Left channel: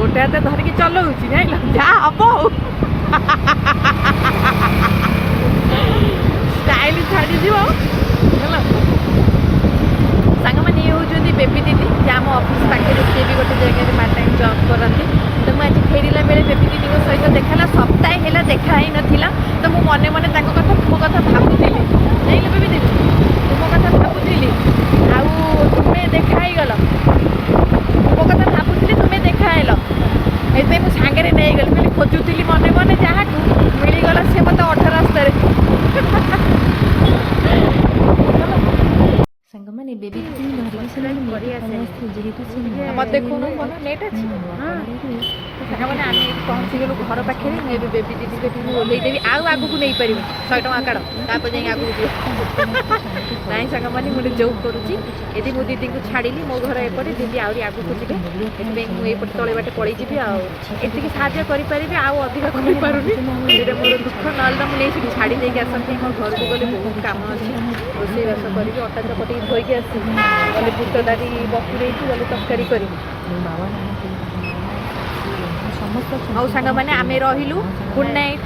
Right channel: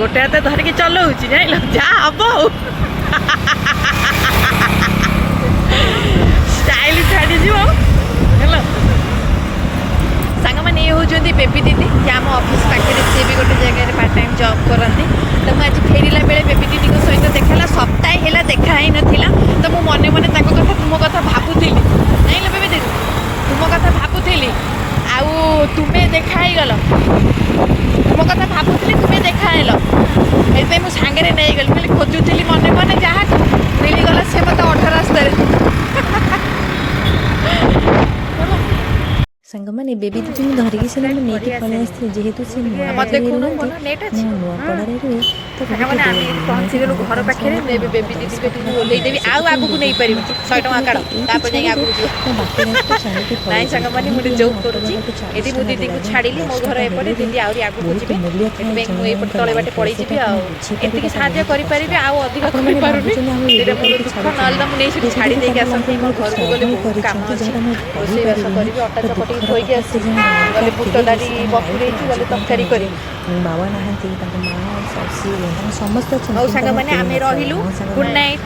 गोटे हाथ धरिकी चलाऊँ जान जहाँ हम स्टाइल छाड़ी है सांग मैंने ये होती बेबी दीदी जे आम ऑफिस पाखे सी भी गोटे जगह पार्ट टाइम जॉब करती तो मुझे फेरला बेले बेबी दीदी सहित देखा सप्ताह है देखा ही नाला तो मुझे मने मने कथा तुम कथा भावुली नहीं बेबी दीदी तुम कथा भावुली आउ तुम्हें देखा ही गल तुम कथा भावुली तुम्हें देखा हेल ये मुझे सांगे नहीं गली कहली खोजुली मने मने जहाँ मिलगला से मत अठ रास्तार सांगमाने बेबी दीदी धरिकी से जेहेतु से मत देखो नेट अच्छी मैंने आम ये पहुँची गलु घर पाखे बेबी दीदी को ओल्लैदेवी आउ आगू नहीं पारि 100 टଙ୍କା काढ़ तापर जाए आगू जीव नाई सांग मैंने मुझे जॉब करुँची ये मो दीदी को छाड़ी मो घर एपटे दीदी आहरी आगू जी मुझे तले बाटे पड़े जी आती साहय करें आउ अधिक कर मोर दुख ना तो मुझे छाड़ी देके आसती मोर घर को गले बहुत कम अच्छी रोसईबास करी अटा चपटी धोईकी आसी गले बुट डाली बफुरे गले तरकारी कर समस्त सांग मैंने आम रही गुड नाइट।